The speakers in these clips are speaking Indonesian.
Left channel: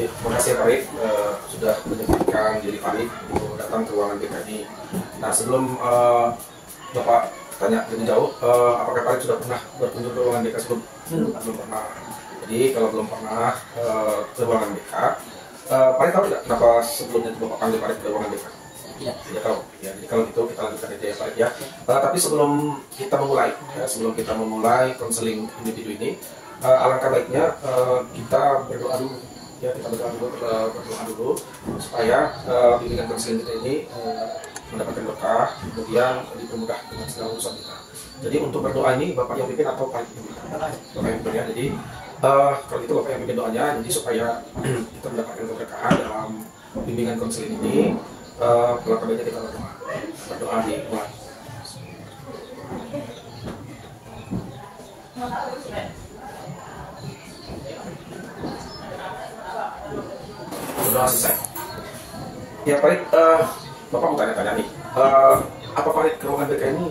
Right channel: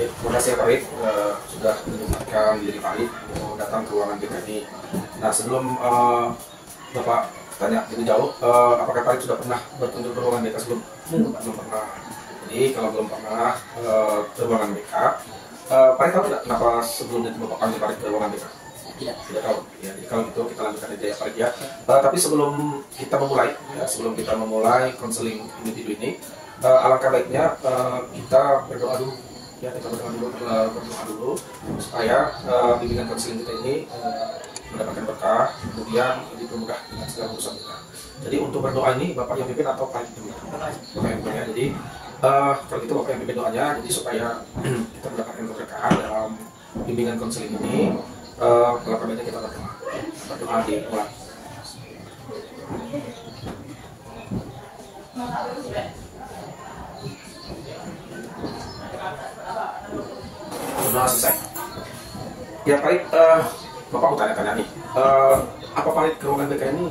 Terima kasih Pak Rik sudah menyempatkan diri Pak Rik untuk datang ke ruangan BK ini. Nah, sebelum Bapak tanya lebih jauh, apakah Pak Rik sudah pernah berkunjung ke ruangan BK sebelum? Belum pernah. Jadi kalau belum pernah ke ruangan BK, Pak Rik tahu tidak kenapa sebelumnya itu Bapak panggil Pak Rik ke ruangan BK? Tidak tahu. Ya, jadi kalau gitu kita lanjutkan aja ya Pak Rik ya. Tapi sebelum kita memulai konseling individu ini, alangkah baiknya kita berdoa dulu. Ya, kita berdoa dulu supaya bimbingan konseling kita ini mendapatkan berkah, kemudian dipermudah dengan segala urusan kita. Jadi untuk berdoa ini Bapak yang pimpin atau Pak yang pimpin? Bapak yang pimpin ya. Jadi kalau itu Bapak yang pimpin doanya, jadi supaya kita mendapatkan keberkahan dalam bimbingan konseling ini, kalau baiknya kita berdoa dimulai. Sudah selesai. Ya Pak Rik, Bapak mau tanya-tanya nih, apa Pak Rik ke ruangan BK ini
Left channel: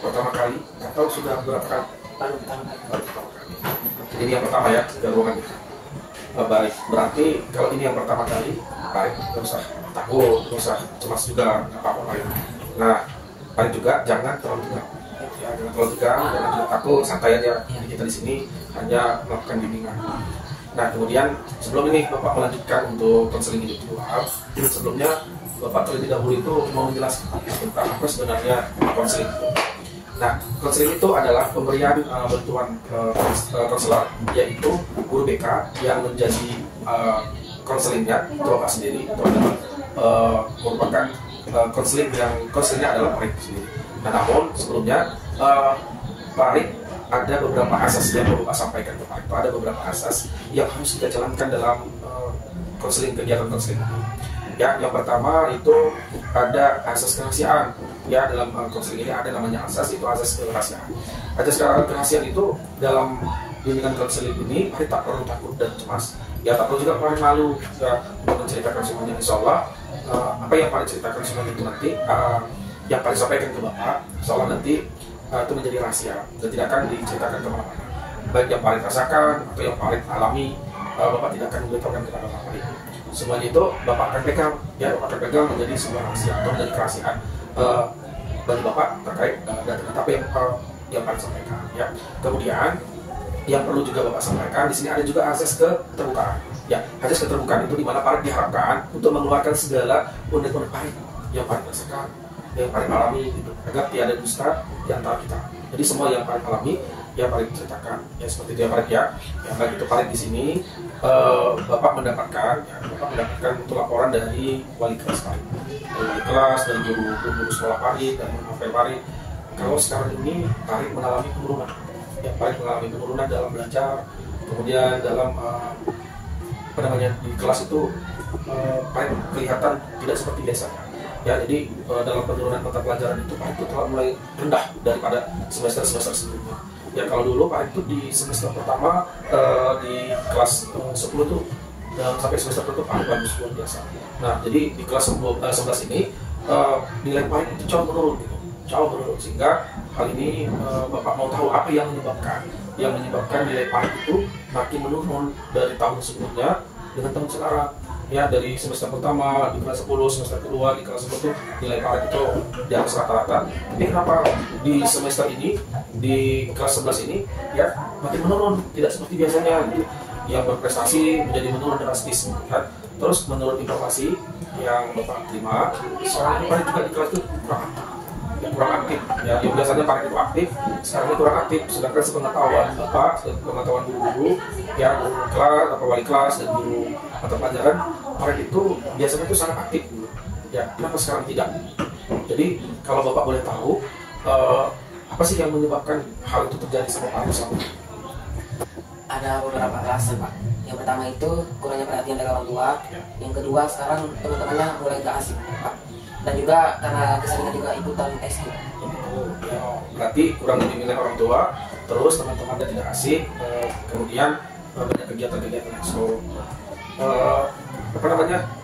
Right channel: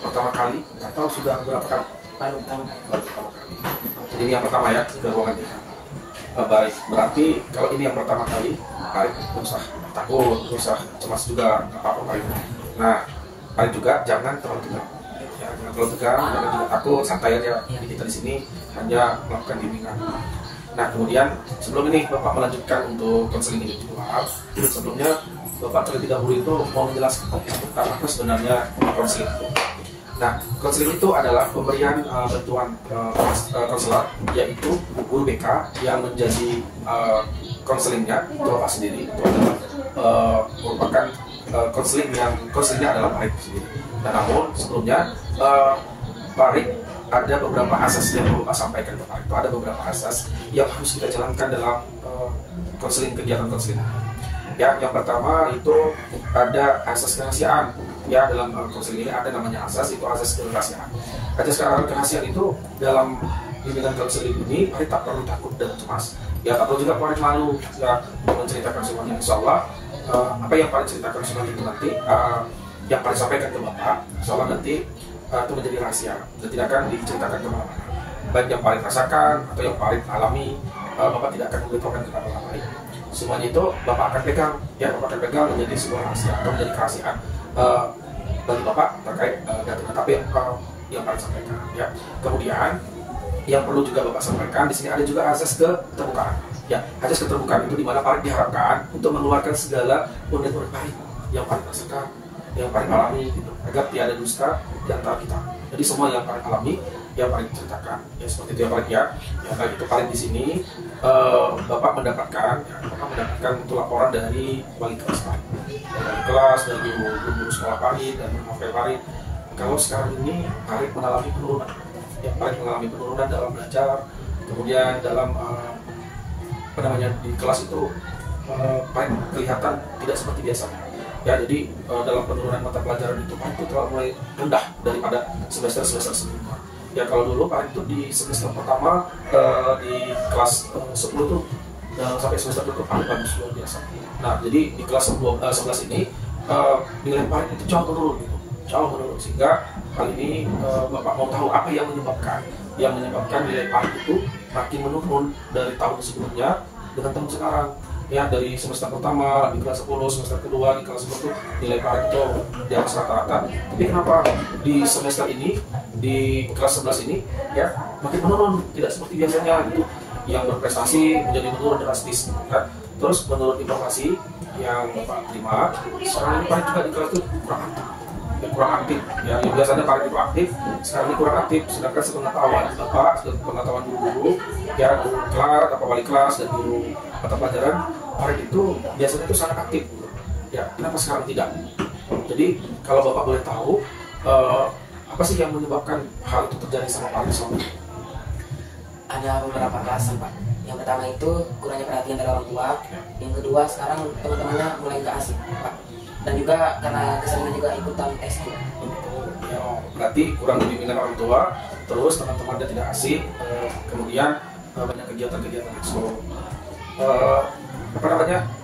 pertama kali atau sudah berapa kali? Baru pertama kali. Jadi ini yang pertama ya ke ruangan BK. Baik, berarti kalau ini yang pertama kali, Pak Rik nggak usah takut, nggak usah cemas juga, apa-apa Pak Rik. Nah, Pak Rik juga jangan terlalu tegang. Jangan juga takut, santai aja. Jadi kita di sini hanya melakukan bimbingan. Nah, kemudian sebelum ini Bapak melanjutkan untuk konseling individual, sebelumnya Bapak terlebih dahulu itu mau menjelaskan tentang apa sebenarnya konseling itu. Nah, konseling itu adalah pemberian bantuan konselor, yaitu guru BK yang menjadi konselingnya itu Bapak sendiri. Itu adalah merupakan konselingnya adalah Pak Rik sendiri. Nah, namun sebelumnya Pak Rik ada beberapa asas yang perlu Bapak sampaikan ke Pak Rik. Ada beberapa asas yang harus kita jalankan dalam kegiatan konseling. Ya, yang pertama itu ada asas kerahasiaan. Ya, dalam konseling ini ada namanya asas, itu asas kerahasiaan. Asas kerahasiaan itu dalam bimbingan konseling ini Pak Rik tak perlu takut dan cemas. Ya, tak perlu juga Pak Rik malu ya, untuk menceritakan semuanya. Insya Allah apa yang Pak Rik ceritakan semuanya itu nanti yang Pak Rik sampaikan ke Bapak, insya Allah nanti itu menjadi rahasia dan tidak akan diceritakan kemana-mana. Baik yang Pak Rik rasakan atau yang Pak Rik alami, Bapak tidak akan memberitahukan kepada orang lain. Semuanya itu Bapak akan pegang, ya Bapak akan pegang menjadi sebuah rahasia atau menjadi kerahasiaan bagi Bapak terkait data-data yang Pak Rik sampaikan. Ya. Kemudian yang perlu juga Bapak sampaikan di sini ada juga asas keterbukaan. Ya, asas keterbukaan itu di mana Pak Rik diharapkan untuk mengeluarkan segala unek-unek Pak Rik yang Pak Rik rasakan, yang Pak Rik alami gitu, agar tiada dusta di antara kita. Jadi semua yang Pak Rik alami, yang Pak Rik ceritakan, ya seperti itu ya Pak Rik ya. Nah itu Pak Rik di sini Bapak mendapatkan untuk laporan dari wali kelas Pak Rik, dari wali kelas, dari guru sekolah Pak Rik dan Pak Rik. Kalau sekarang ini Pak Rik mengalami penurunan, ya Pak Rik mengalami penurunan dalam belajar, kemudian dalam di kelas itu Pak Rik kelihatan tidak seperti biasanya. Ya, jadi dalam penurunan mata pelajaran itu Pak Rik itu telah mulai rendah daripada semester sebelumnya. Ya, kalau dulu Pak Rik itu di semester pertama di kelas 10 tuh sampai semester itu Pak Rik bagus luar biasa. Nah, jadi di kelas 11 ini nilai Pak Rik itu jauh menurun gitu. Jauh menurun, sehingga kali ini Bapak mau tahu apa yang menyebabkan nilai Pak Rik itu makin menurun dari tahun sebelumnya dengan tahun sekarang. Ya, dari semester pertama di kelas 10, semester kedua di kelas 10 nilai Pak Rik itu di atas rata-rata. Tapi kenapa di semester ini, di kelas 11 ini ya makin menurun, tidak seperti biasanya gitu. Yang berprestasi menjadi menurun drastis kan. Terus menurut informasi yang Bapak terima, sekarang Pak Rik juga di kelas itu kurang aktif. Ya, yang biasanya Pak Rik itu aktif, sekarang ini kurang aktif. Sedangkan sepengetahuan Bapak, sepengetahuan guru, ya guru kelas, atau wali kelas dan guru mata pelajaran, Pak Rik itu biasanya itu sangat aktif. Ya, kenapa sekarang tidak? Jadi kalau Bapak boleh tahu, apa sih yang menyebabkan hal itu terjadi sama Pak Rik selama ini? Ada beberapa alasan Pak. Yang pertama itu kurangnya perhatian dari orang tua. Yang kedua sekarang teman-temannya mulai nggak asik Pak. Dan juga karena keseringan juga ikutan tes. Ya, berarti kurang bimbingan orang tua, terus teman-temannya tidak asik, kemudian banyak kegiatan-kegiatan. So,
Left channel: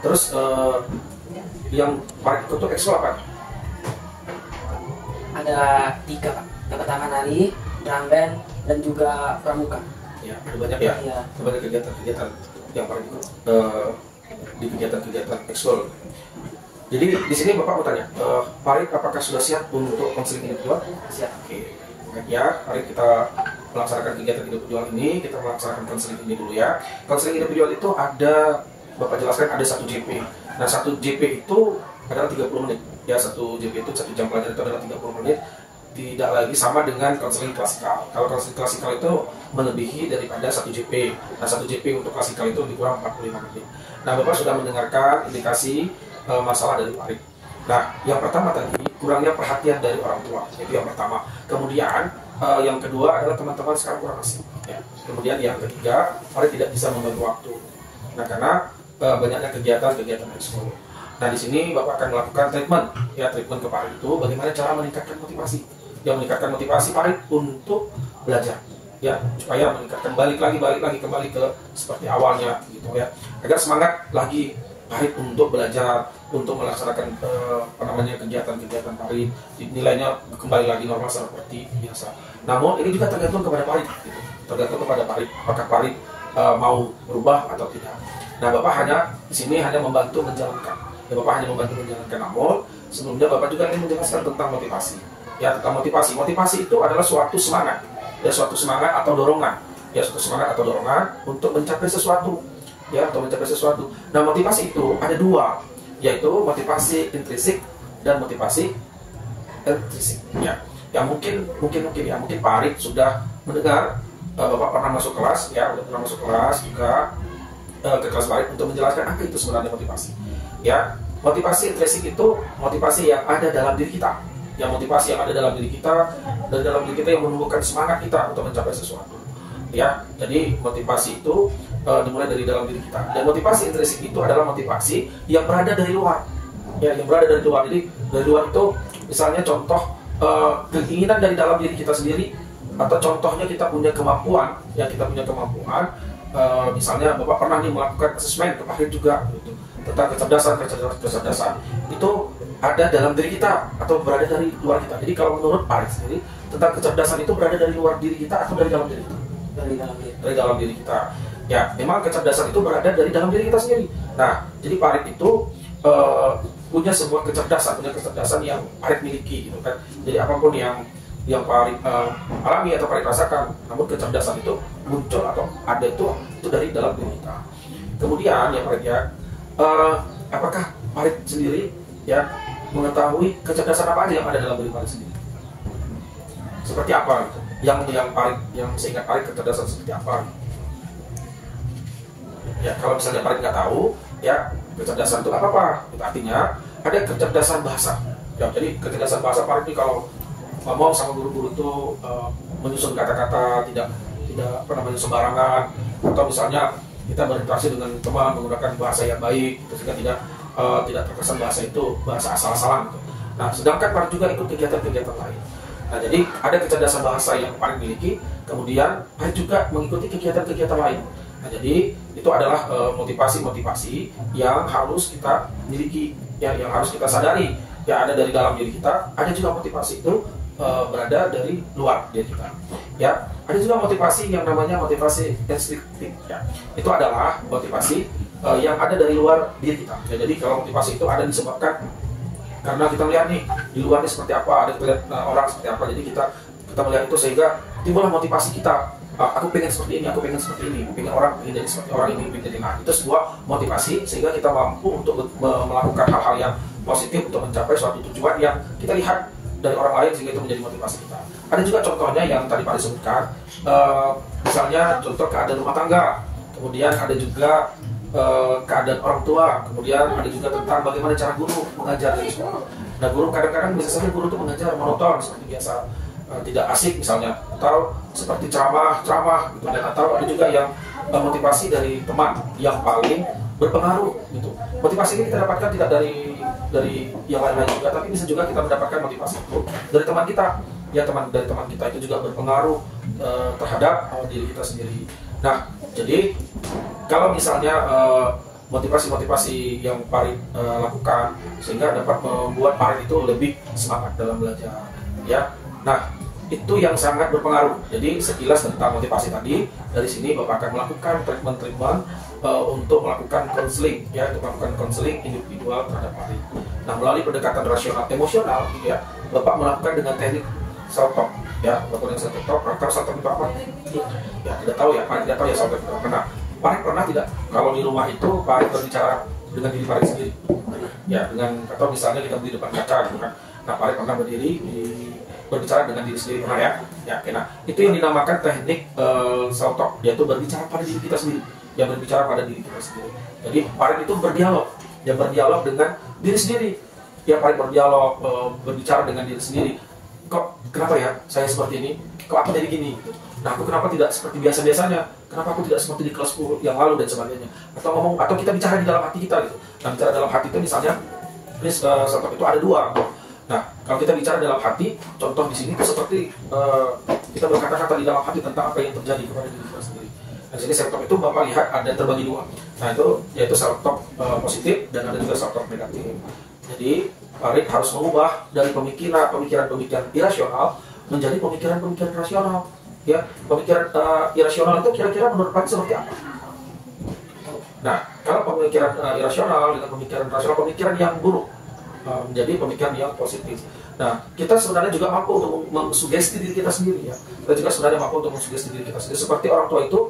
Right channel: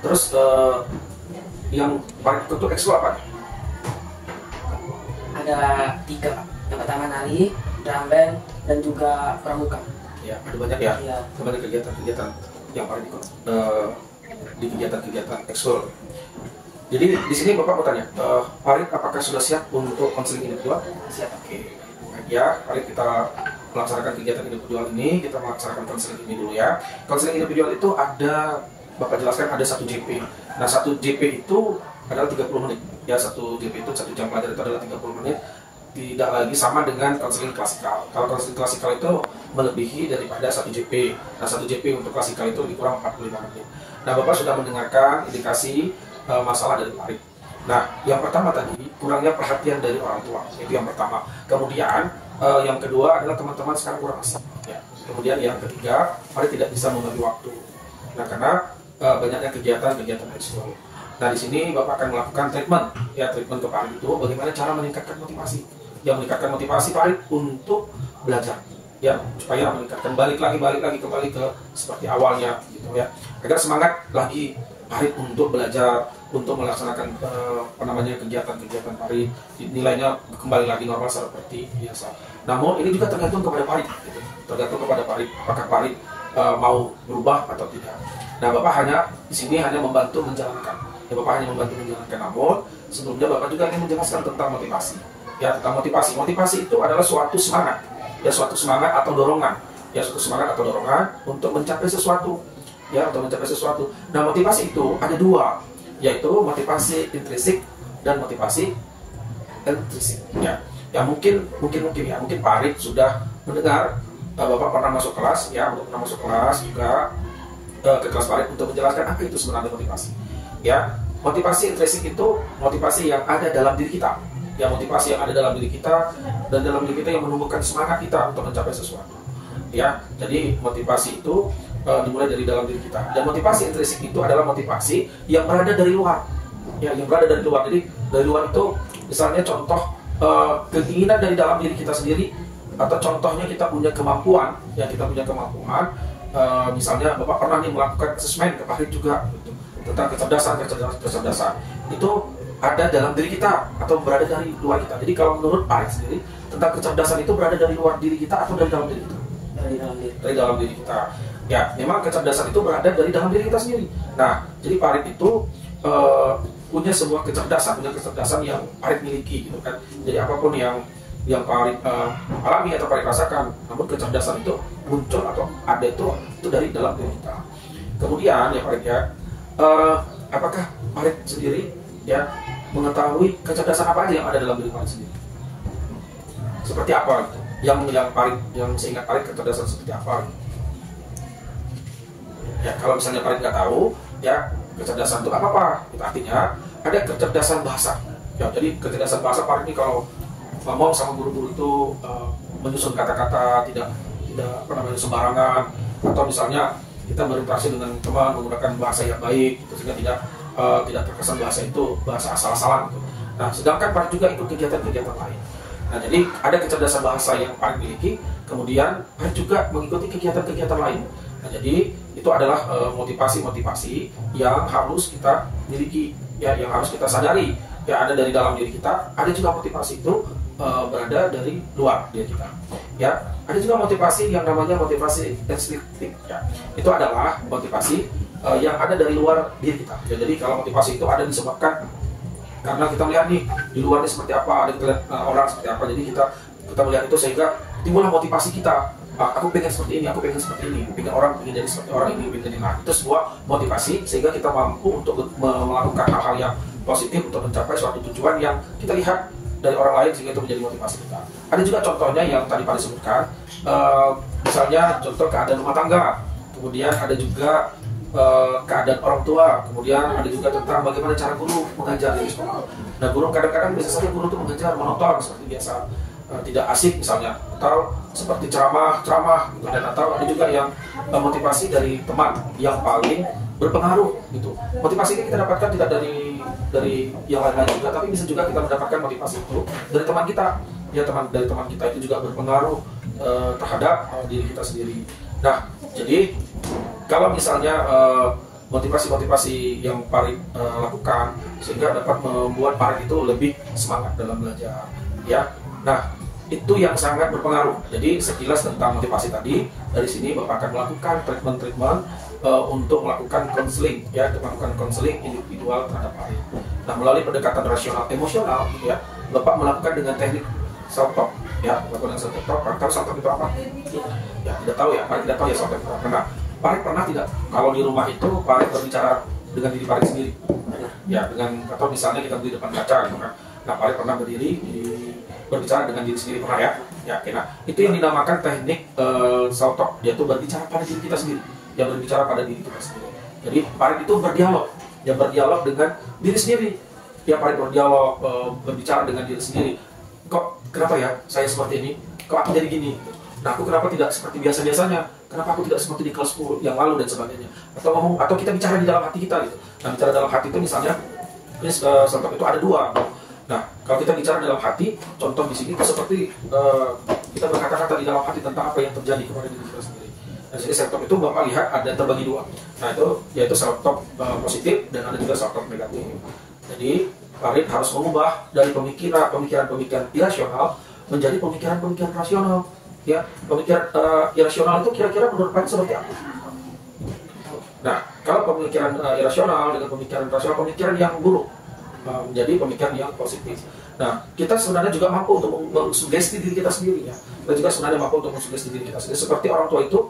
terus yang paling ikut itu ekskul apa? Ada 3 Pak. Yang pertama nari, drum band, dan juga pramuka. Ya, ada banyak ya, banyak kegiatan-kegiatan. yang Farid ikut di kegiatan-kegiatan ekskul. Jadi di sini Bapak mau tanya, Farid apakah sudah siap untuk konseling individual? Siap. Oke, ya, Farid kita melaksanakan kegiatan individual ini, kita melaksanakan konseling ini dulu ya. Konseling individual itu ada, Bapak jelaskan ada 1 JP. Nah, 1 JP itu adalah 30 menit. Ya, 1 JP itu 1 jam pelajaran itu adalah 30 menit. Tidak lagi sama dengan konseling klasikal. Kalau konseling klasikal itu melebihi daripada 1 JP. Nah, 1 JP untuk klasikal itu lebih kurang 45 menit. Nah, Bapak sudah mendengarkan indikasi masalah dari Farid. Nah, yang pertama tadi kurangnya perhatian dari orang tua, itu yang pertama. Kemudian yang kedua adalah teman-teman sekarang kurang asik. Ya. Kemudian yang ketiga, Farid tidak bisa membagi waktu. Nah, karena banyaknya kegiatan ekskul. Nah, di sini Bapak akan melakukan treatment ke Farid itu bagaimana cara meningkatkan motivasi. Yang meningkatkan motivasi Farid untuk belajar. Ya, supaya meningkatkan balik lagi kembali ke seperti awalnya gitu ya. Agar semangat lagi Farid untuk belajar, untuk melaksanakan kegiatan-kegiatan Farid, nilainya kembali lagi normal seperti biasa. Namun ini juga tergantung kepada Farid, gitu. Tergantung kepada Farid, apakah Farid mau berubah atau tidak. Nah, Bapak hanya di sini hanya membantu menjalankan. Ya, Bapak hanya membantu menjalankan. Namun sebelumnya Bapak juga ingin menjelaskan tentang motivasi. Ya, tentang motivasi. Motivasi itu adalah suatu semangat, ya suatu semangat atau dorongan, ya suatu semangat atau dorongan untuk mencapai sesuatu. Ya, untuk mencapai sesuatu. Nah, motivasi itu ada 2, yaitu motivasi intrinsik dan motivasi ekstrinsik. Ya mungkin Farid sudah mendengar, Bapak pernah masuk kelas, ya, pernah masuk kelas juga ke kelas Farid untuk menjelaskan apa itu sebenarnya motivasi. Ya, motivasi intrinsik itu motivasi yang ada dalam diri kita. Ya, motivasi yang ada dalam diri kita dan dalam diri kita yang menumbuhkan semangat kita untuk mencapai sesuatu. Ya, jadi motivasi itu dimulai dari dalam diri kita. Dan motivasi intrinsik itu adalah motivasi yang berada dari luar. Ya, yang berada dari luar. Jadi dari luar itu misalnya contoh keinginan dari dalam diri kita sendiri, atau contohnya kita punya kemampuan, ya kita punya kemampuan. Misalnya Bapak pernah nih melakukan asesmen ke Farid juga gitu, tentang kecerdasan. Itu ada dalam diri kita atau berada dari luar kita. Jadi kalau menurut Farid sendiri, tentang kecerdasan itu berada dari luar diri kita atau dari dalam diri kita? Dari dalam diri kita. Ya, memang kecerdasan itu berada dari dalam diri kita sendiri. Nah, jadi Farid itu punya semua kecerdasan yang Farid miliki gitu kan. Jadi apapun yang Farid alami atau Farid rasakan, namun kecerdasan itu muncul atau ada itu dari dalam diri kita. Kemudian ya Farid ya, apakah Farid sendiri ya mengetahui kecerdasan apa aja yang ada dalam diri Farid sendiri? Seperti apa gitu? Yang seingat Farid kecerdasan seperti apa? Ya, kalau misalnya Farid nggak tahu, ya kecerdasan itu apa? Itu artinya ada kecerdasan bahasa. Ya, jadi kecerdasan bahasa Farid ini kalau ngomong sama guru-guru itu menyusun kata-kata tidak sembarangan, atau misalnya kita berinteraksi dengan teman menggunakan bahasa yang baik, sehingga tidak terkesan bahasa itu bahasa asal-asalan. Nah, sedangkan Farid juga ikut kegiatan-kegiatan lain. Nah, jadi ada kecerdasan bahasa yang Farid miliki, kemudian Farid juga mengikuti kegiatan-kegiatan lain. Nah, jadi itu adalah motivasi-motivasi yang harus kita miliki, ya, yang harus kita sadari. Ya, ada dari dalam diri kita, ada juga motivasi itu berada dari luar diri kita. Ya, ada juga motivasi yang namanya motivasi ekstrinsik. Ya, itu adalah motivasi yang ada dari luar diri kita. Ya, jadi kalau motivasi itu ada disebabkan karena kita melihat nih di luarnya seperti apa, ada kita lihat orang seperti apa, jadi kita melihat itu sehingga timbullah motivasi kita. Aku pengen seperti ini, aku pengen seperti ini, pengen jadi seperti orang ini, pengen jadi itu sebuah motivasi sehingga kita mampu untuk melakukan hal-hal yang positif untuk mencapai suatu tujuan yang kita lihat dari orang lain sehingga itu menjadi motivasi kita. Ada juga contohnya yang tadi Pak disebutkan, misalnya contoh keadaan rumah tangga, kemudian ada juga keadaan orang tua, kemudian ada juga tentang bagaimana cara guru mengajar di sekolah. Nah, guru kadang-kadang bisa saja guru itu mengajar monoton seperti biasa, tidak asik misalnya, atau seperti ceramah gitu, dan atau ada juga yang motivasi dari teman yang paling berpengaruh gitu. Motivasi ini kita dapatkan tidak dari yang lain-lain juga, tapi bisa juga kita mendapatkan motivasi itu dari teman kita. Ya, dari teman kita itu juga berpengaruh terhadap diri kita sendiri. Nah, jadi kalau misalnya motivasi-motivasi yang Farid lakukan sehingga dapat membuat Farid itu lebih semangat dalam belajar, ya. Nah, itu yang sangat berpengaruh. Jadi sekilas tentang motivasi tadi, dari sini Bapak akan melakukan treatment untuk melakukan konseling, ya, untuk melakukan konseling individual terhadap Farid. Nah, melalui pendekatan rasional emosional, gitu ya, Bapak melakukan dengan teknik self talk, ya, melakukan self talk. Atau self talk itu apa? Ya, tidak tahu ya, Farid tidak tahu ya self talk itu apa. Nah, Farid pernah tidak kalau di rumah itu Farid berbicara dengan diri Farid sendiri? Ya, dengan, atau misalnya kita di depan kaca gitu kan. Nah, Farid pernah berdiri berbicara dengan diri sendiri, pernah ya? Ya, nah, itu yang dinamakan teknik self talk, yaitu berbicara pada diri kita sendiri, yang berbicara pada diri kita sendiri. Jadi Farid itu berdialog, ya, berdialog dengan diri sendiri. Ya, Farid berdialog, berbicara dengan diri sendiri. Kok kenapa ya saya seperti ini? Kok aku jadi gini? Nah, aku kenapa tidak seperti biasa-biasanya? Kenapa aku tidak seperti di kelas 10 yang lalu dan sebagainya? Atau kita bicara di dalam hati kita gitu. Nah, bicara dalam hati itu misalnya, self talk itu ada dua. Nah, kalau kita bicara dalam hati, contoh di sini itu seperti kita berkata-kata di dalam hati tentang apa yang terjadi kepada diri kita sendiri. Nah, sini self talk itu Bapak lihat ada terbagi dua. Nah, itu yaitu self talk positif dan ada juga self talk negatif. Jadi Farid harus mengubah dari pemikiran irasional menjadi pemikiran rasional. Ya, pemikiran irasional itu kira-kira menurut Farid seperti apa? Nah, kalau pemikiran irasional dengan pemikiran rasional, pemikiran yang buruk menjadi pemikiran yang positif. Nah, kita sebenarnya juga mampu untuk mensugesti diri kita sendiri, ya. Kita juga sebenarnya mampu untuk mensugesti diri kita sendiri. Seperti orang tua itu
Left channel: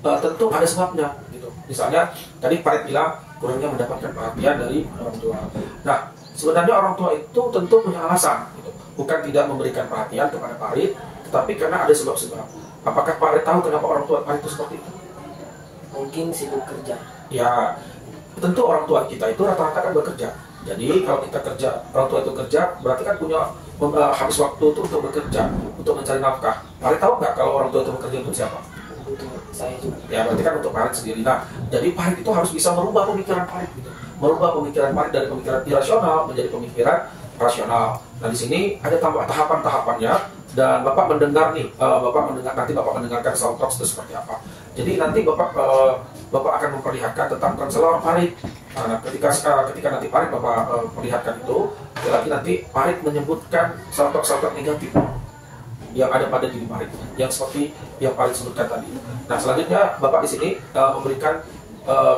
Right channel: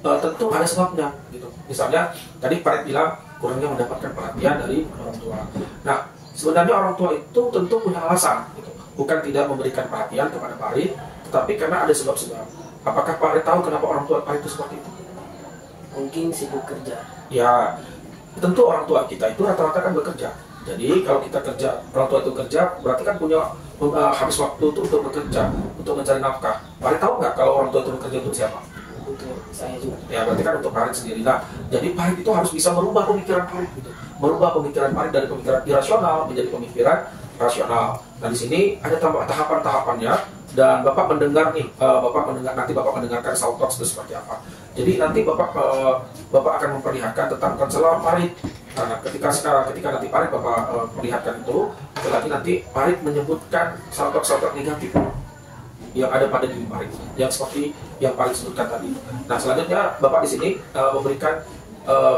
tentu ada sebabnya, gitu. Misalnya tadi Farid bilang kurangnya mendapatkan perhatian dari orang tua. Nah, sebenarnya orang tua itu tentu punya alasan, gitu. Bukan tidak memberikan perhatian kepada Farid, tetapi karena ada sebab-sebab. Apakah Farid tahu kenapa orang tua Farid itu seperti itu? Mungkin sibuk kerja. Ya, tentu orang tua kita itu rata-rata kan bekerja. Jadi kalau kita kerja, orang tua itu kerja, berarti kan punya habis waktu itu untuk bekerja, untuk mencari nafkah. Farid tahu nggak kalau orang tua itu bekerja untuk siapa? Untuk saya juga. Ya, berarti kan untuk Farid sendiri. Nah, jadi Farid itu harus bisa merubah pemikiran Farid, gitu. Merubah pemikiran Farid dari pemikiran irasional menjadi pemikiran rasional. Nah, di sini ada tahapan-tahapannya. Dan Bapak mendengar nih, nanti Bapak mendengarkan self talk itu seperti apa. Jadi nanti Bapak akan memperlihatkan tentang konselor Farid. Nah, ketika nanti Farid Bapak perlihatkan itu, nanti Farid menyebutkan self talk negatif yang ada pada diri Farid, yang seperti yang Farid sebutkan tadi. Nah, selanjutnya Bapak di sini memberikan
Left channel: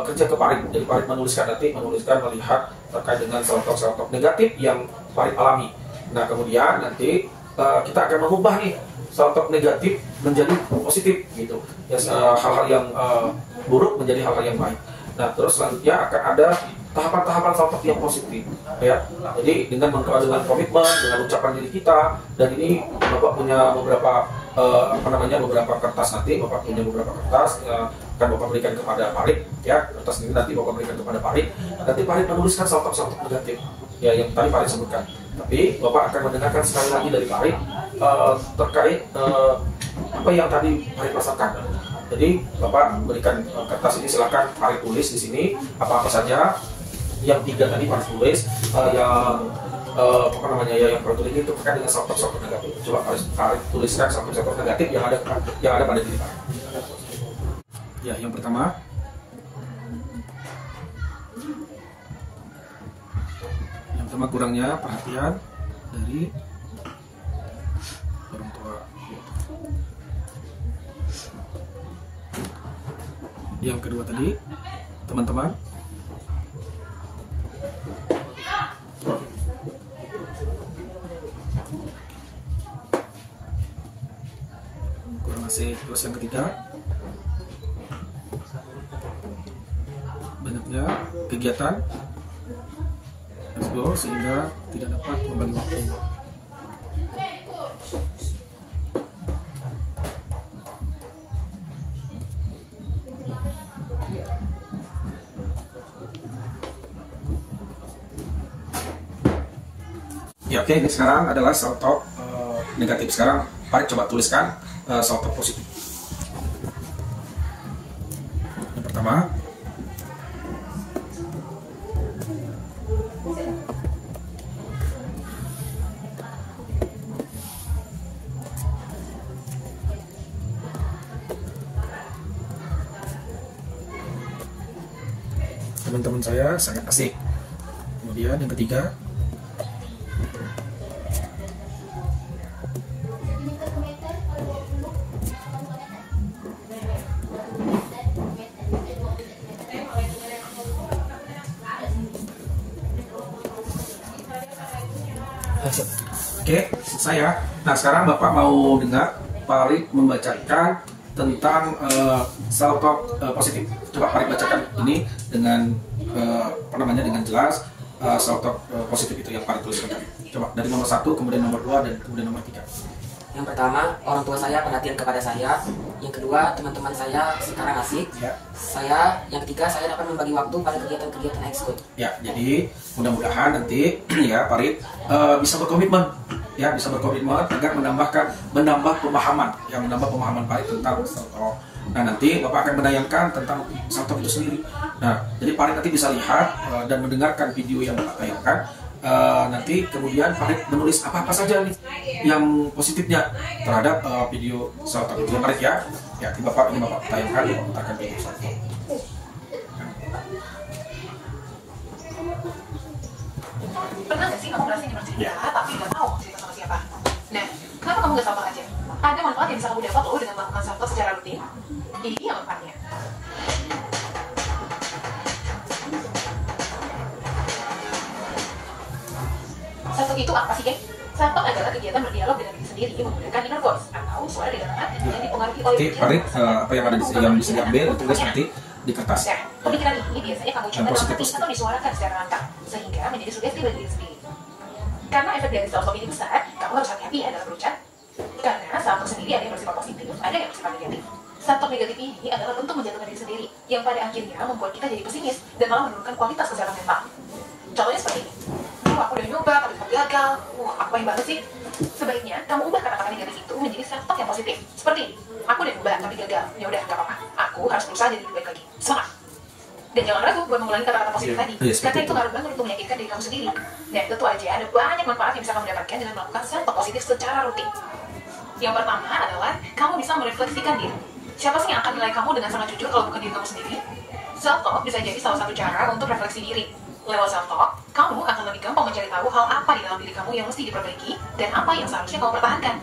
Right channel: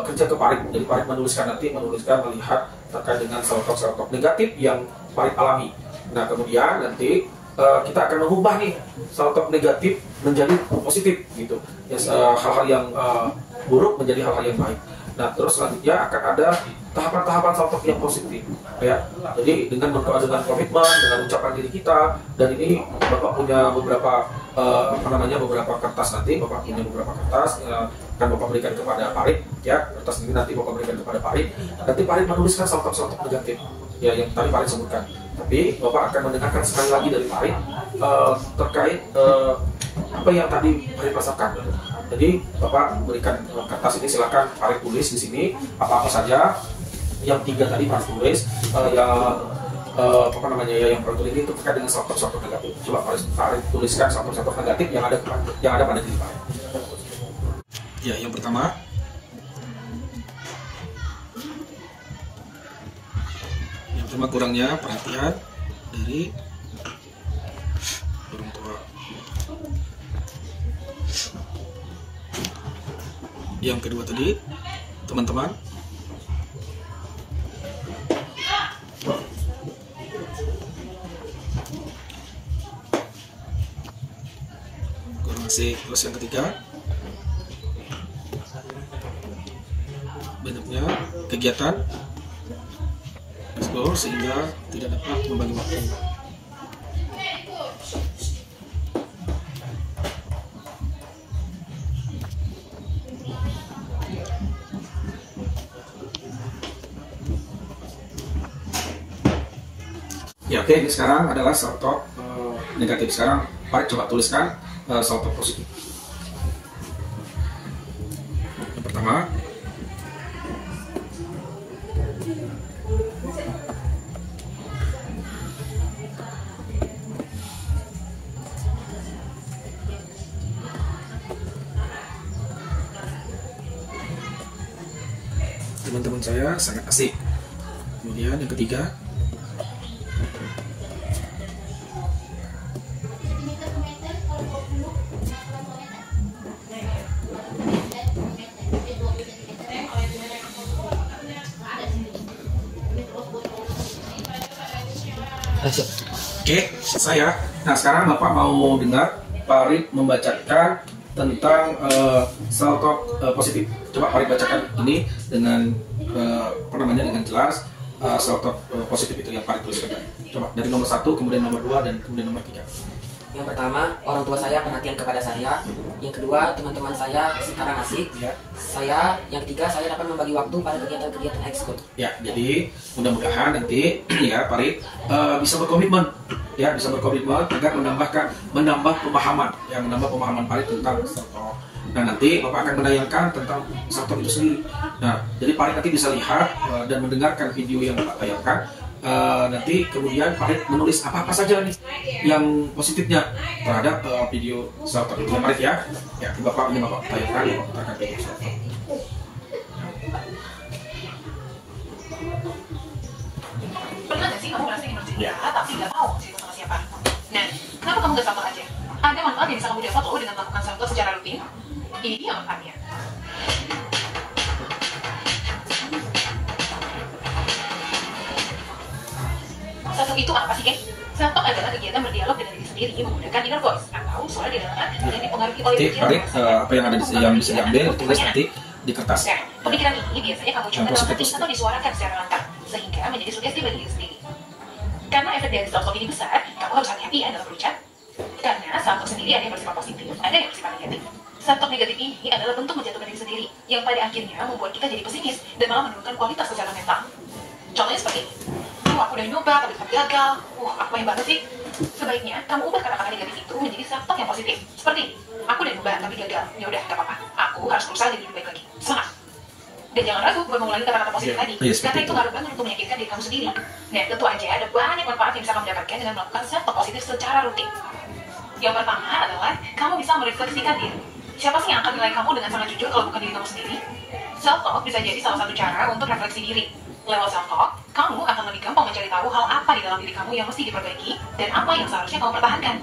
kerja ke Farid. Jadi Farid menuliskan melihat terkait dengan self talk negatif yang Farid alami. Nah, kemudian nanti kita akan mengubah nih self talk negatif menjadi positif, gitu. Ya, hal-hal yang buruk menjadi hal-hal yang baik. Nah, terus selanjutnya akan ada tahapan-tahapan self talk yang positif, ya. Jadi dengan komitmen, dengan ucapan diri kita. Dan ini Bapak punya beberapa beberapa kertas. Nanti Bapak punya beberapa kertas, akan Bapak berikan kepada Farid, ya. Kertas ini nanti Bapak berikan kepada Farid. Nanti Farid menuliskan self talk negatif, ya, yang tadi Farid sebutkan. Tapi Bapak akan mendengarkan sekali lagi dari Farid terkait apa yang tadi Farid rasakan. Jadi Bapak berikan kertas ini, silakan Farid tulis di sini apa-apa saja yang 3 tadi Farid tulis, yang Farid tulis itu terkait dengan self talk negatif. Coba Farid tuliskan self talk negatif yang ada pada diri Farid. Ya, yang pertama, kurangnya perhatian dari orang tua. Yang kedua tadi, teman-teman, kurang asik. Terus yang ketiga, banyaknya kegiatan sehingga tidak dapat membagi waktu. Ya, oke, ini sekarang adalah self talk negatif. Sekarang Farid coba tuliskan self talk positif. Yang pertama, teman-teman saya sangat asik. Kemudian yang ketiga, Oke, saya. Nah, sekarang Bapak mau dengar Farid membacakan tentang salto positif. Coba Farid bacakan ini dengan dengan jelas. Salto positif itu yang Farid tuliskan. Coba dari nomor 1, kemudian nomor 2, dan kemudian nomor 3. Yang pertama, orang tua saya perhatian kepada saya. Yang kedua, teman-teman saya sekarang asik. Ya. Yang ketiga, saya dapat membagi waktu pada kegiatan-kegiatan ekskul. Ya, jadi mudah-mudahan nanti ya Farid bisa berkomitmen, ya bisa berkomitmen agar menambah pemahaman Farid tentang salto. Nah, nanti Bapak akan menayangkan tentang salto itu sendiri. Nah, jadi Farid nanti bisa lihat dan mendengarkan video yang Bapak tayangkan. Nanti kemudian Farid menulis apa-apa saja nih yang positifnya terhadap video salto itu Farid ya. Ya, ini Bapak tayangkan, putarkan video salto. Pernah nggak sih kamu ngerasa ingin bercerita tapi nggak tahu mau cerita sama siapa? Nah, kenapa kamu nggak sama aja? Ada manfaat yang bisa kamu dapat loh dengan melakukan salto secara rutin. Ini dia manfaatnya. Salto itu apa sih, Ken? Salto adalah kegiatan berdialog dengan diri sendiri menggunakan inner voice atau suara di dalam hati yang dipengaruhi oleh Nanti Farid apa yang ada yang bisa diambil tulis nanti di kertas. Nah, pemikiran ini biasanya kamu coba dalam hati atau disuarakan secara lantang sehingga menjadi sugesti bagi diri sendiri. Karena efek dari salto ini besar, kamu harus hati-hati ya dalam berucap. Karena salto sendiri ada yang bersifat positif, ada yang bersifat negatif. Salto negatif ini adalah bentuk menjatuhkan diri sendiri yang pada akhirnya membuat kita jadi pesimis dan malah menurunkan kualitas kesehatan mental. Contohnya seperti ini. Aku udah nyoba tapi tetap gagal. Apa yang banget sih? Sebaiknya kamu ubah kata-kata negatif itu menjadi salto yang positif. Seperti ini. Aku udah nyoba tapi gagal. Ya udah, gak apa-apa. Aku harus berusaha jadi lebih baik lagi. Semangat. Dan jangan ragu buat mengulangi kata-kata positif tadi. Karena itu ngaruh banget untuk meyakinkan diri kamu sendiri. Dan tentu aja ada banyak manfaat yang bisa kamu dapatkan dengan melakukan salto positif secara rutin. Yang pertama adalah kamu bisa merefleksikan diri. Siapa sih yang akan nilai kamu dengan sangat jujur kalau bukan diri kamu sendiri? Self-talk bisa jadi salah satu cara untuk refleksi diri. Lewat self-talk, kamu akan lebih gampang mencari tahu hal apa di dalam diri kamu yang mesti diperbaiki dan apa yang seharusnya kamu pertahankan.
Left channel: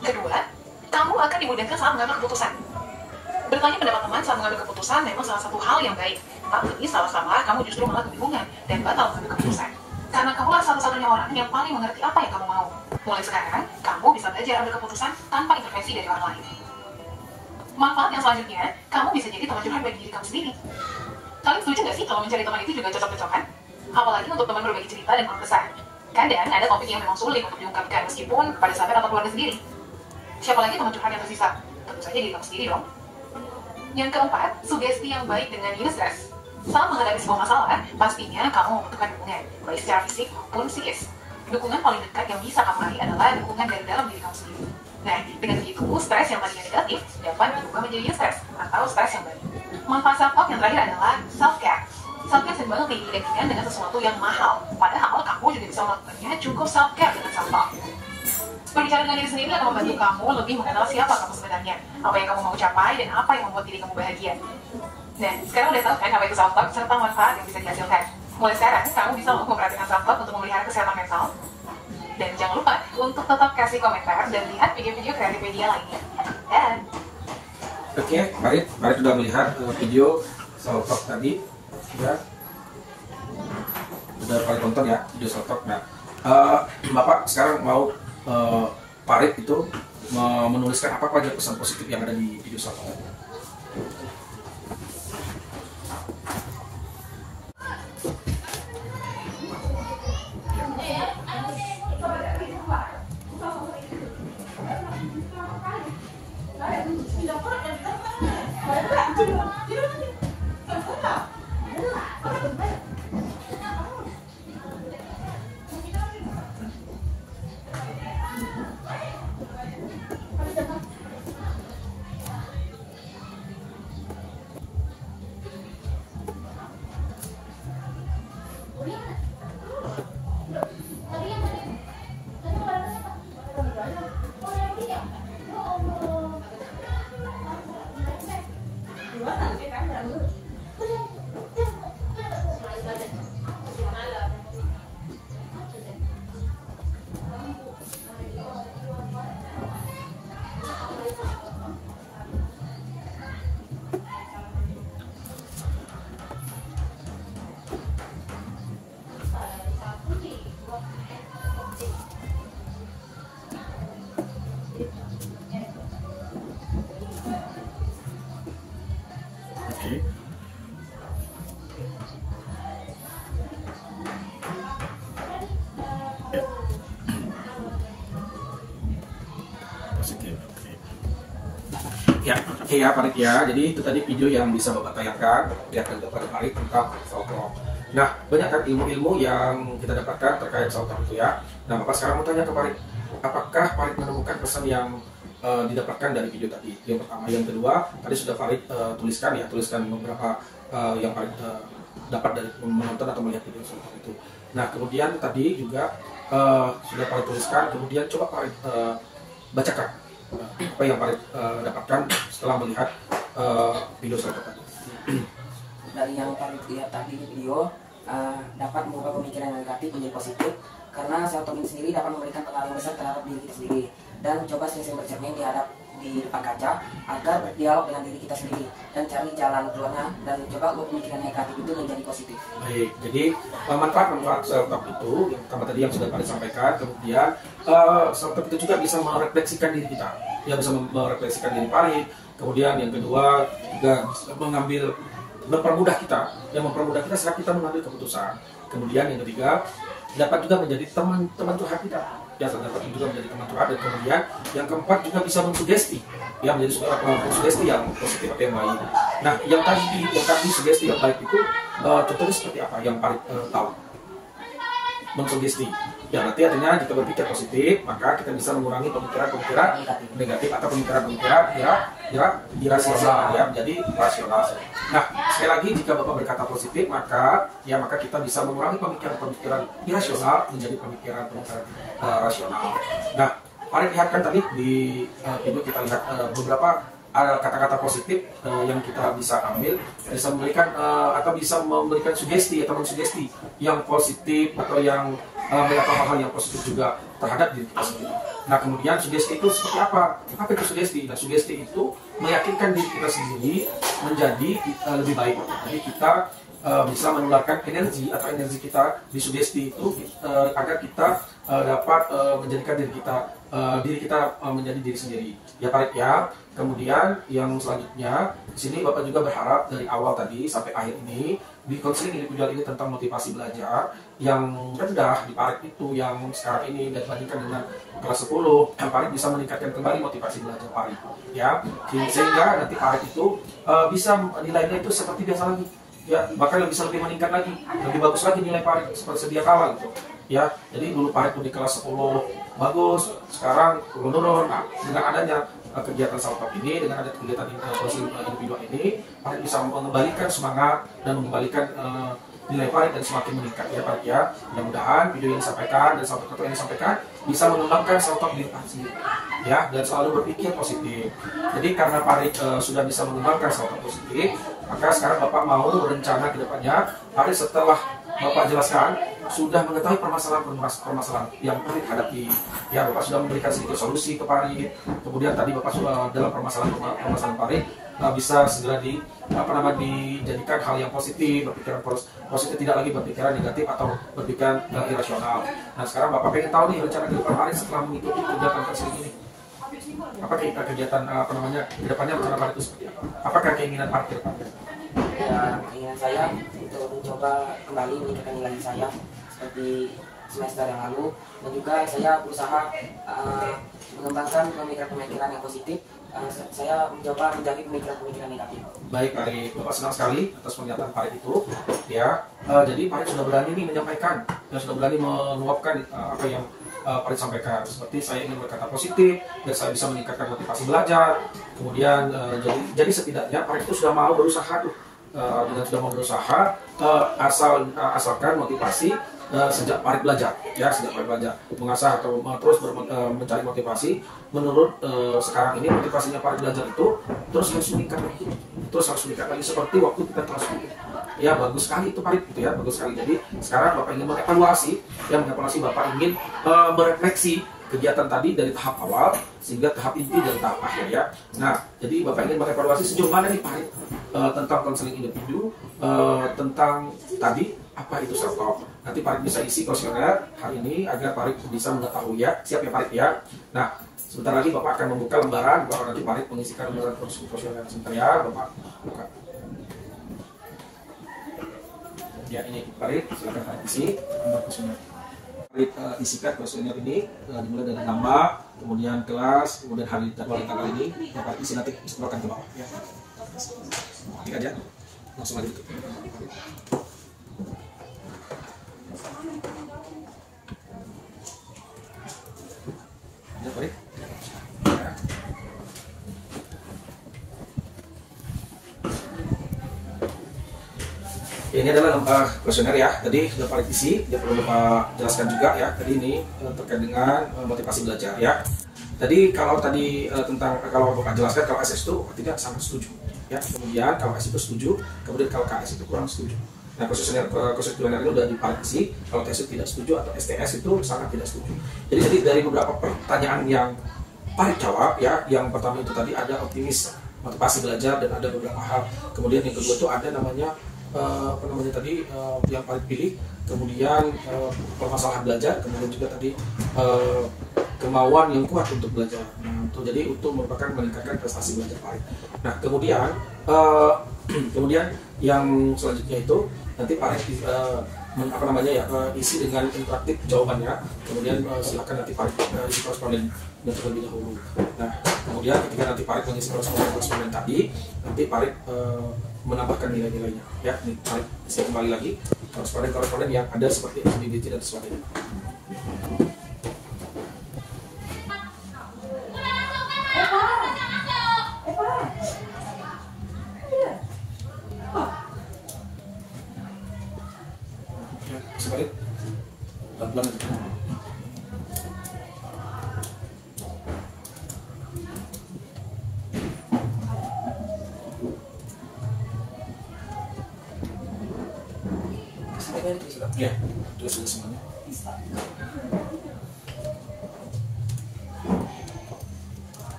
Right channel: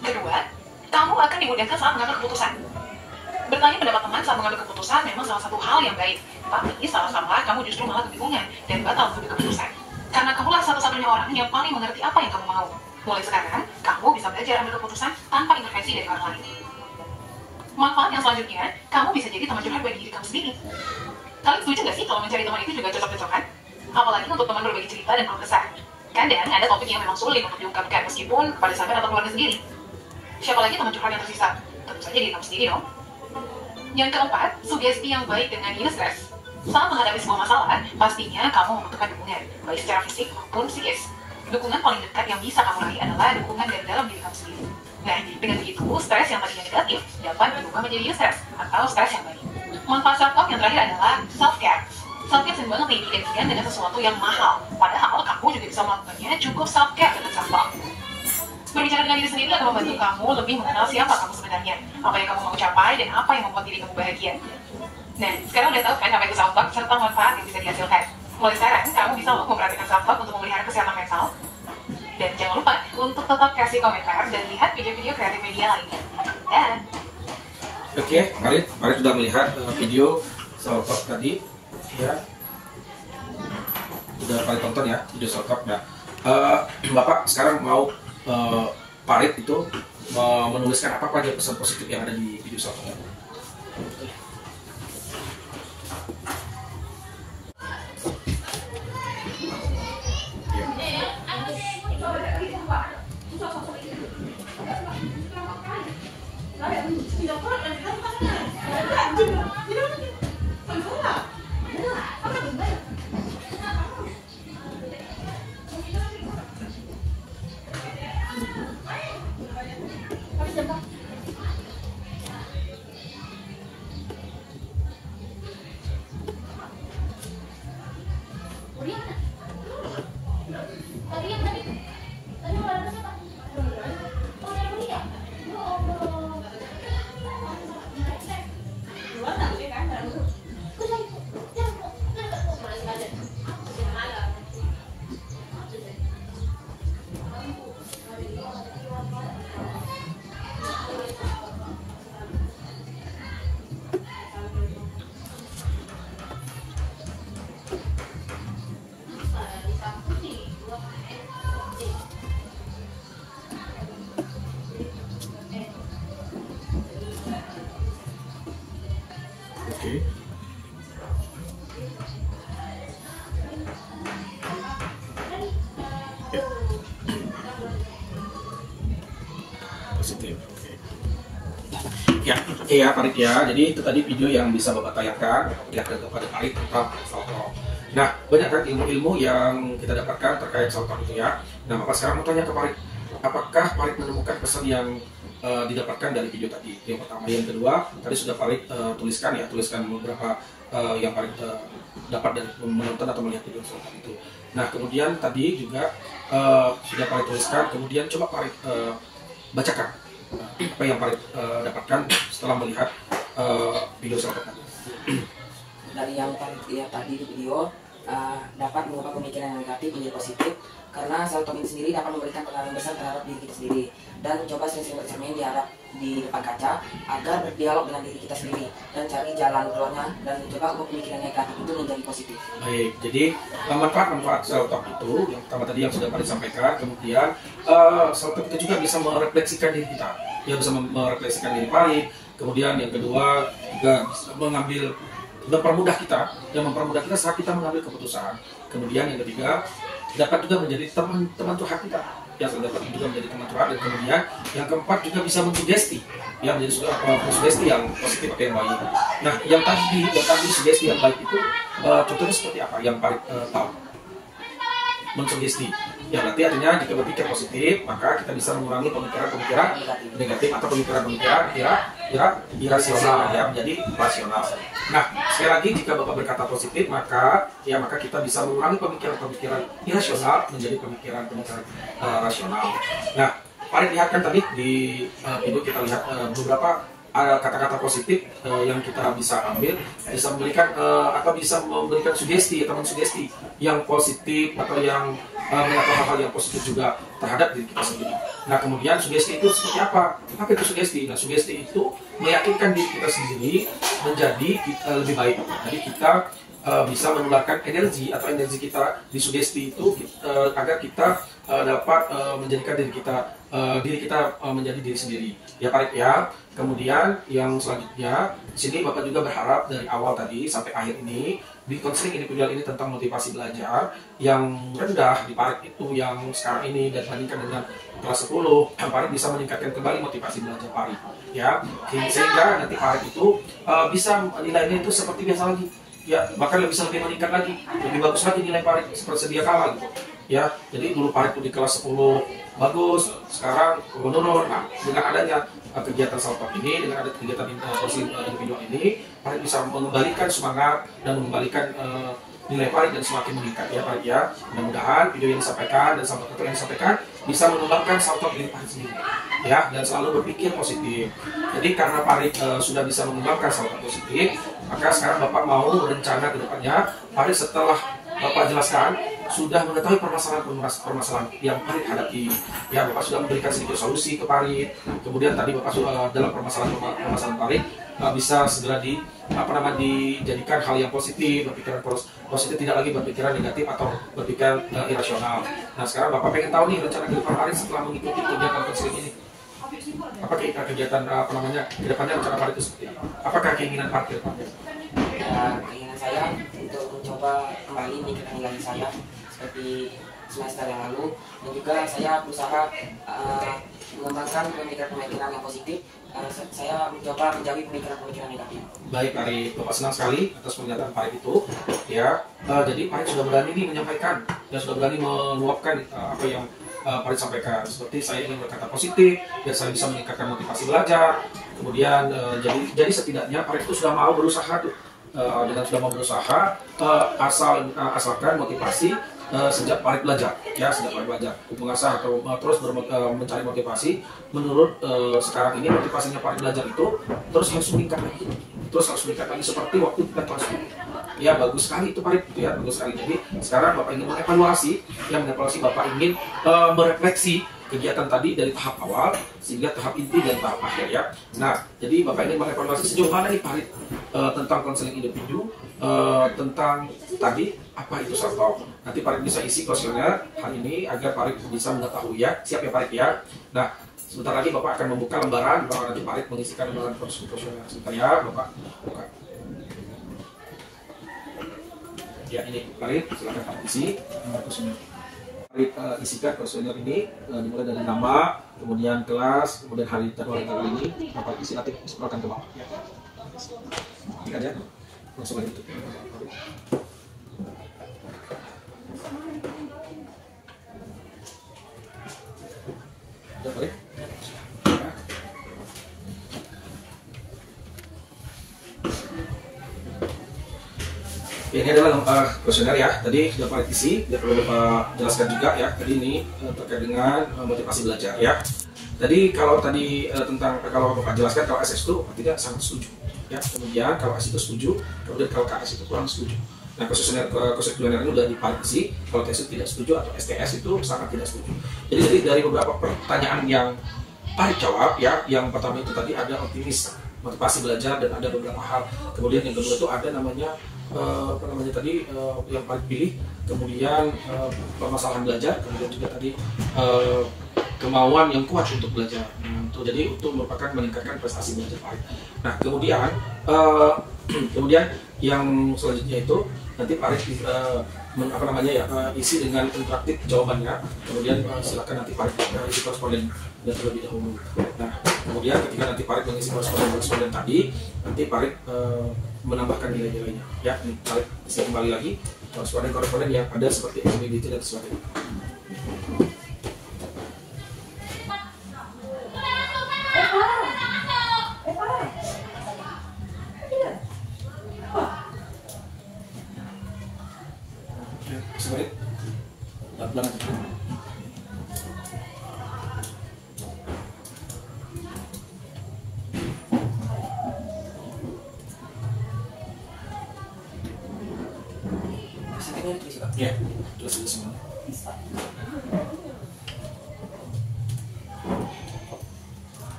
Kedua, kamu akan dimudahkan saat mengambil keputusan. Bertanya pendapat teman saat mengambil keputusan memang salah satu hal yang baik. Tapi salah-salah kamu justru malah kebingungan dan batal mengambil keputusan. Karena kamulah satu-satunya orang yang paling mengerti apa yang kamu mau. Mulai sekarang, kamu bisa belajar ambil keputusan tanpa intervensi dari orang lain. Manfaat yang selanjutnya, kamu bisa jadi teman curhat bagi diri kamu sendiri. Kalian setuju gak sih kalau mencari teman itu juga cocok-cocokan? Apalagi untuk teman berbagi cerita dan keluh kesah. Kadang ada topik yang memang sulit untuk diungkapkan meskipun pada sahabat atau keluarga sendiri. Siapa lagi teman curhat yang tersisa? Tentu saja diri kamu sendiri dong. Yang keempat, sugesti yang baik dengan diri stres. Saat menghadapi sebuah masalah, pastinya kamu membutuhkan dukungan, baik secara fisik maupun psikis. Dukungan paling dekat yang bisa kamu raih adalah dukungan dari dalam diri kamu sendiri. Nah, dengan begitu, stres yang tadinya negatif dapat berubah menjadi eustress atau stres yang baik. Manfaat self-talk yang terakhir adalah self-care. Self-care sering banget diidentikan dengan sesuatu yang mahal. Padahal kamu juga bisa melakukannya cukup self-care dengan self-talk. Berbicara dengan diri sendiri akan membantu kamu lebih mengenal siapa kamu sebenarnya, apa yang kamu mau capai, dan apa yang membuat diri kamu bahagia. Nah, sekarang udah tahu kan apa itu self-talk serta manfaat yang bisa dihasilkan. Mulai sekarang, kamu bisa memperhatikan self-talk untuk memelihara kesehatan mental. Dan jangan lupa untuk tetap kasih komentar dan lihat video-video kreatif media lainnya. Dan Oke, Farid sudah melihat video self-talk tadi, ya. Sudah Farid tonton ya video self-talk. Nah, Bapak sekarang mau Farid itu menuliskan apa aja pesan positif yang ada di video self-talk. Positif. Ya, oke ya Farid ya. Jadi itu tadi video yang bisa Bapak tayangkan ya kepada Farid tentang salto. Nah, banyak kan ilmu-ilmu yang kita dapatkan terkait salto itu ya. Nah, Bapak sekarang mau tanya ke Farid, apakah Farid menemukan pesan yang didapatkan dari video tadi? Yang pertama, yang kedua, tadi sudah Farid tuliskan beberapa yang Farid dapat dari menonton atau melihat video salto itu. Nah, kemudian tadi juga sudah Farid tuliskan, kemudian coba Farid bacakan apa yang Farid dapatkan setelah melihat video salto tadi. Dari yang Farid lihat tadi di video, dapat mengubah pemikiran yang negatif menjadi positif, karena salto ini sendiri dapat memberikan pengaruh besar terhadap diri kita sendiri. Dan coba sering-sering bercermin di depan kaca agar berdialog dengan diri kita sendiri dan cari jalan keluarnya, dan coba ubah pemikiran negatif itu menjadi positif. Baik, jadi manfaat salto itu yang pertama tadi yang sudah Farid sampaikan, kemudian salto kita juga bisa merefleksikan diri kita, ya bisa merefleksikan diri Farid. Kemudian yang kedua juga mempermudah kita saat kita mengambil keputusan. Kemudian yang ketiga dapat juga menjadi teman curhat kita, ya dapat juga menjadi teman curhat. Dan kemudian yang keempat juga bisa mensugesti, ya menjadi sugesti yang positif atau yang baik. Nah, yang tadi sugesti yang baik itu contohnya seperti apa yang Farid tahu? Mensugesti, ya berarti artinya jika berpikir positif maka kita bisa mengurangi pemikiran-pemikiran negatif atau pemikiran-pemikiran irasional ya menjadi rasional. Nah, sekali lagi jika Bapak berkata positif maka kita bisa mengurangi pemikiran-pemikiran irasional menjadi pemikiran-pemikiran rasional. Nah, Farid lihat kan tadi di video kita lihat beberapa kata-kata positif yang kita bisa ambil, bisa memberikan sugesti atau mensugesti yang positif atau yang melakukan hal-hal yang positif juga terhadap diri kita sendiri. Nah, kemudian sugesti itu seperti apa? Apa itu sugesti? Nah, sugesti itu meyakinkan diri kita sendiri menjadi lebih baik. Jadi kita bisa menularkan energi kita di sugesti itu agar kita dapat menjadikan diri kita menjadi diri sendiri. Ya Farid ya. Kemudian yang selanjutnya di sini Bapak juga berharap dari awal tadi sampai akhir ini di konseling individual ini tentang motivasi belajar yang rendah di Farid itu yang sekarang ini dan dibandingkan dengan kelas 10, Farid bisa meningkatkan kembali motivasi belajar Farid ya, sehingga nanti Farid itu bisa nilainya itu seperti biasa lagi ya, bahkan bisa lebih meningkat lagi, lebih bagus lagi nilai Farid seperti sedia kala gitu ya. Jadi dulu Farid itu di kelas 10 bagus, sekarang menurun. Nah, dengan adanya kegiatan salto ini, dengan ada kegiatan konseling individual ini, Farid bisa mengembalikan semangat dan mengembalikan nilai Farid dan semakin meningkat ya Farid ya. Mudah-mudahan video yang disampaikan dan salto yang disampaikan bisa menularkan salto diri Farid sendiri ya, dan selalu berpikir positif. Jadi karena Farid sudah bisa mengembangkan salto positif, maka sekarang Bapak mau berencana ke depannya. Farid setelah Bapak jelaskan sudah mengetahui permasalahan yang Farid hadapi. Ya, Bapak sudah memberikan sedikit solusi ke Farid. Kemudian tadi Bapak sudah dalam permasalahan Farid bisa segera dijadikan hal yang positif, berpikiran positif, tidak lagi berpikiran negatif atau berpikiran irasional. Nah, sekarang Bapak pengen tahu nih rencana ke depan Farid setelah mengikuti kegiatan konseling ini. Apa kegiatan ke depannya rencana Farid itu seperti apa? Apakah keinginan Farid ke depannya? Ya, keinginan saya untuk mencoba kembali meningkatkan nilai saya seperti semester yang lalu, dan juga saya berusaha mengembangkan pemikiran-pemikiran yang positif. Saya mencoba menjauhi pemikiran-pemikiran negatif. Baik, Farid, Bapak senang sekali atas pernyataan Farid itu ya. Jadi Farid sudah berani nih menyampaikan dan sudah berani meluapkan apa yang Farid sampaikan, seperti saya ingin berkata positif dan saya bisa meningkatkan motivasi belajar. Kemudian jadi setidaknya Farid itu sudah mau berusaha tuh, dengan sudah mau berusaha asalkan motivasi sejak Farid belajar ya, mengasah atau terus mencari motivasi. Menurut sekarang ini motivasinya Farid belajar itu terus harus meningkat lagi seperti waktu kita kelas 10 ya. Bagus sekali itu Farid gitu ya, bagus sekali. Jadi sekarang Bapak ingin mengevaluasi Bapak ingin merefleksi kegiatan tadi dari tahap awal sehingga tahap inti dan tahap akhir ya. Nah, jadi Bapak ingin mengevaluasi sejauh mana nih Farid tentang konseling individu, tentang tadi apa itu salto. Nanti Farid bisa isi kuesioner hari ini agar Farid bisa mengetahui ya. Siap ya Farid ya. Nah, sebentar lagi Bapak akan membuka lembaran bahwa nanti Farid mengisikan lembaran kuesioner. Sebentar ya, Bapak buka. Ya, ini Farid, silakan Farid isi lembar kuesioner. Isikan kuesioner ini dimulai dari nama, kemudian kelas, kemudian hari dan tanggal ini. Dapat isi nanti scrollkan ke bawah. Ini aja, langsung aja itu. Udah balik. Ini adalah kuesioner ya. Tadi sudah Farid isi, tidak perlu Bapak jelaskan juga ya. Tadi ini terkait dengan motivasi belajar ya. Tadi kalau kalau Bapak jelaskan kalau SS itu artinya sangat setuju ya. Kemudian kalau S itu setuju, kemudian kalau KS itu kurang setuju. Nah, kuesioner itu sudah di Farid isi. Kalau TS itu tidak setuju atau STS itu sangat tidak setuju. Jadi dari beberapa pertanyaan yang Farid jawab ya, yang pertama itu tadi ada optimis, motivasi belajar, dan ada beberapa hal. Kemudian yang kedua itu ada namanya yang paling pilih, kemudian permasalahan belajar, kemudian juga tadi kemauan yang kuat untuk belajar. Jadi untuk merupakan meningkatkan prestasi belajar Farid. Nah, kemudian yang selanjutnya itu nanti Farid isi dengan interaktif jawabannya. Kemudian silakan nanti Farid isi koresponden terlebih dahulu. Nah, kemudian ketika nanti Farid mengisi koresponden tadi, nanti Farid menambahkan nilai-nilainya ya. Ini Farid isi kembali lagi koresponden yang ada seperti identity dan sebagainya. Sebaik pelan-pelan aja. Ya, jelas semuanya.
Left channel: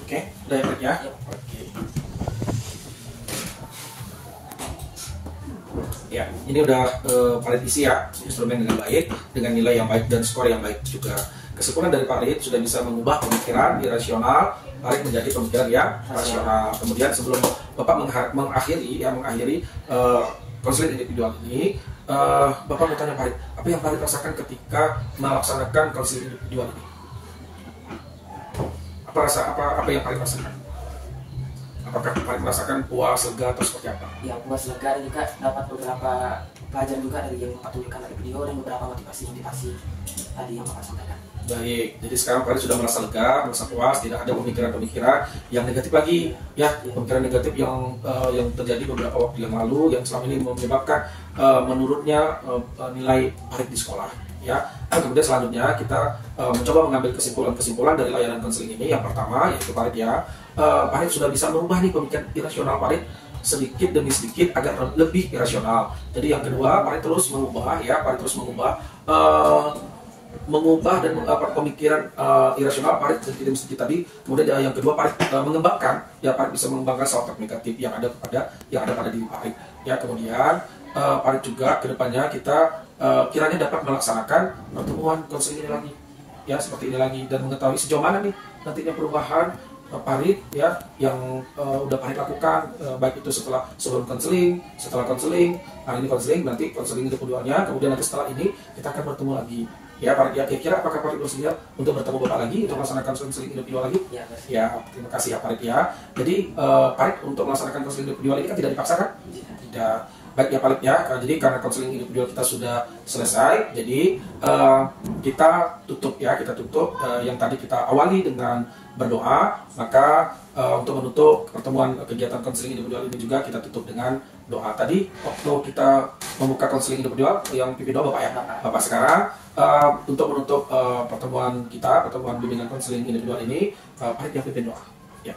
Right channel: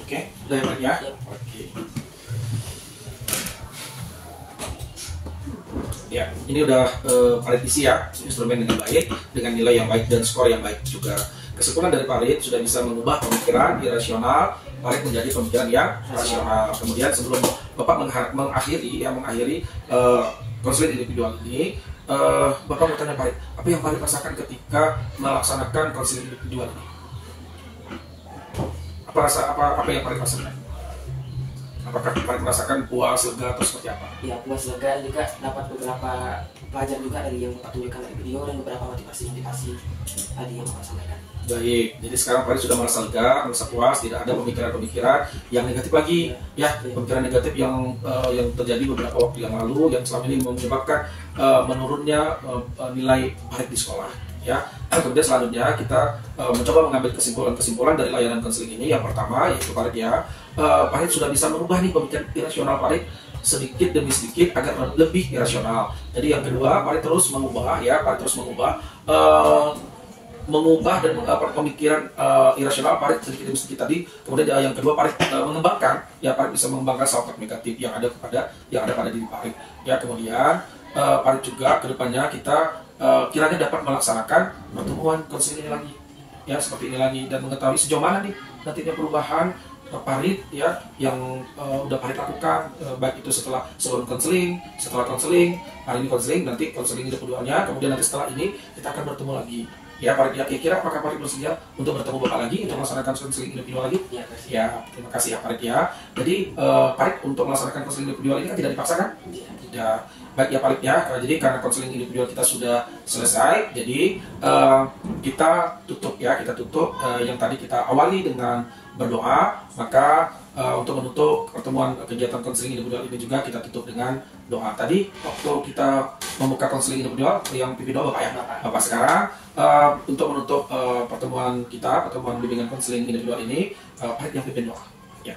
Oke, udah ya. Oke. Ya, ini udah Farid isi ya, instrumen dengan baik, dengan nilai yang baik dan skor yang baik juga. Kesimpulan dari Farid sudah bisa mengubah pemikiran irasional Farid menjadi pemikiran yang rasional. Kemudian sebelum Bapak mengakhiri konseling individual ini, Bapak mau tanya Farid, apa yang Farid rasakan ketika melaksanakan konseling individual ini? Apa yang Farid rasakan? Apakah Farid merasakan puas, lega, atau seperti apa? Ya, puas, lega, dan juga dapat beberapa pelajaran juga dari yang Bapak tunjukkan dari video, dan beberapa motivasi tadi yang Bapak sampaikan. Baik, jadi sekarang Farid sudah merasa lega, merasa puas, tidak ada pemikiran-pemikiran yang negatif lagi, ya, pemikiran negatif yang terjadi beberapa waktu yang lalu, yang selama ini menyebabkan menurunnya nilai Farid di sekolah. Ya, kemudian selanjutnya kita mencoba mengambil kesimpulan dari layanan konseling ini. Yang pertama yaitu Farid Farid sudah bisa merubah nih pemikiran irasional Farid sedikit demi sedikit agar lebih irasional. Jadi yang kedua, Farid terus mengubah dan pemikiran irasional Farid sedikit demi sedikit tadi. Kemudian yang kedua, Farid Farid bisa mengembangkan self-talk negatif yang ada pada diri Farid. Ya, kemudian Farid juga kedepannya kita kiranya dapat melaksanakan pertemuan konseling ini lagi, ya, seperti ini lagi, dan mengetahui sejauh mana nih nantinya perubahan Farid ya yang udah Farid lakukan, baik itu sebelum konseling, setelah konseling, hari ini konseling, nanti konseling individualnya, kemudian nanti setelah ini kita akan bertemu lagi. Ya, Farid ya, kira-kira apakah Farid bersedia untuk bertemu Bapak lagi untuk melaksanakan konseling individual lagi? Ya, terima kasih ya Farid ya. Jadi Farid untuk melaksanakan konseling individual ini kan tidak dipaksakan? Tidak. Baik ya Farid ya, jadi karena konseling individual kita sudah selesai, jadi kita tutup yang tadi kita awali dengan berdoa. Maka untuk menutup pertemuan kegiatan konseling individual ini juga kita tutup dengan doa. Tadi waktu kita membuka konseling individual yang pimpin doa Bapak ya, Bapak sekarang untuk menutup pertemuan bimbingan konseling individual ini, Farid yang pimpin doa. Ya.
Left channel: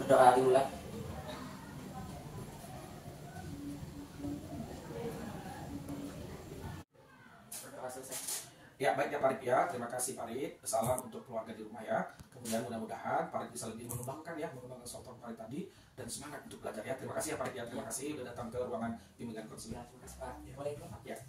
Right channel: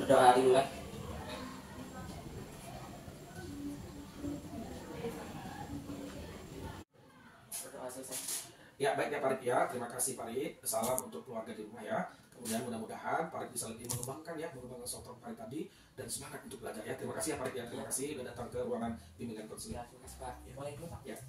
Berdoa dimulai. Ya, baiknya Farid ya, terima kasih Farid. Salam untuk keluarga di rumah ya. Kemudian mudah-mudahan Farid bisa lebih mengembangkan soft Farid tadi dan semangat untuk belajar ya. Terima kasih ya Farid ya, terima kasih sudah datang ke ruangan bimbingan konseling. Ya, terima kasih Pak. Boleh, Pak. Ya.